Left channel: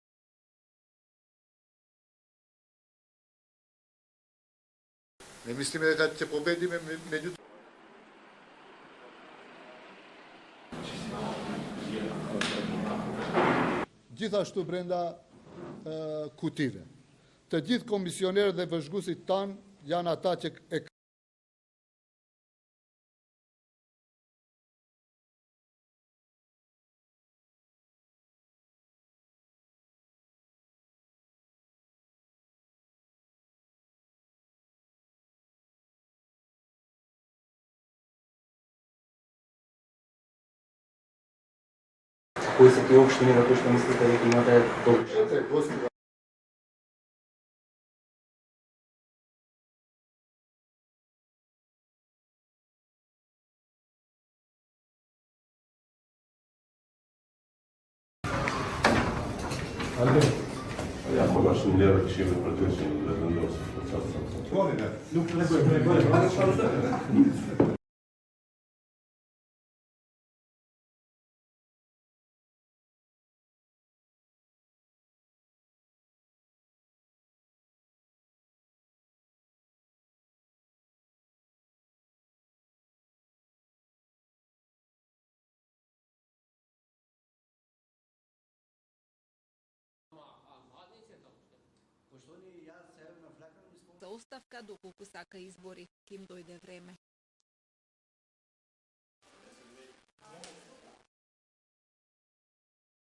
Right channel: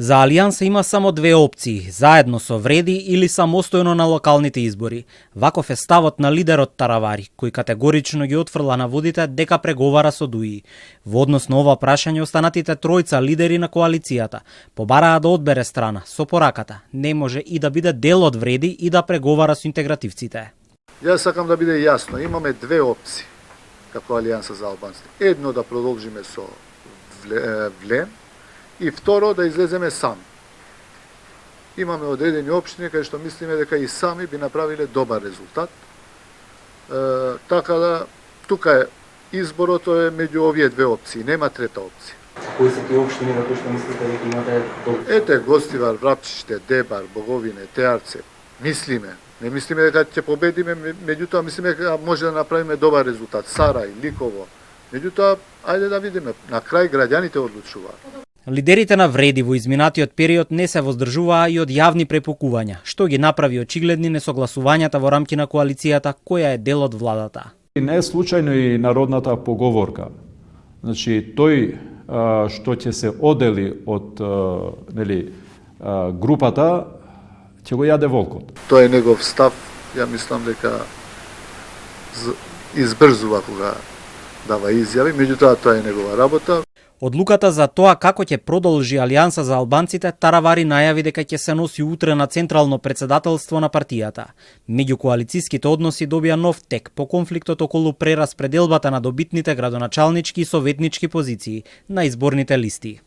За Алијанса има само две опции: заедно со Вреди или самостојно на локалните избори. Ваков е ставот на лидерот Таравари, кој категорично ги отфрла наводите дека преговара со ДУИ. Во однос на ова прашање, останатите тројца лидери на коалицијата побараа да одбере страна со пораката: не може и да биде дел од Вреди и да преговара со интегративците. Јас сакам да биде јасно, имаме две опции како Алијанса за албанците. Едно, да продолжиме со Влем, и второ, да излеземе сами. Имаме одредени општини кај што мислиме дека и сами би направиле добар резултат. Така да, тука е изборот е меѓу овие две опции, нема трета опција. Кои се тие општини на кои што мислите дека имате добар? Ете, Гостивар, Врапчиште, Дебар, Боговине, Теарце. Мислиме. Не мислиме дека ќе победиме, меѓутоа мислиме дека може да направиме добар резултат. Сарај, Ликово. Меѓутоа, ајде да видиме. На крај граѓаните одлучуваат. Лидерите на Вреди во изминатиот период не се воздржуваа и од јавни препукувања, што ги направи очигледни несогласувањата во рамки на коалицијата која е дел од владата. И не е случајно и народната поговорка. Значи, тој што ќе се одели од групата, ќе го јаде волкот. Тоа е негов став. Ја мислам дека избрзува кога дава изјави, меѓутоа тоа е негова работа. Одлуката за тоа како ќе продолжи Алијанса за албанците, Таравари најави дека ќе се носи утре на централно претседателство на партијата. Меѓукоалициските односи добија нов тек по конфликтот околу прераспределбата на добитните градоначалнички и советнички позиции на изборните листи.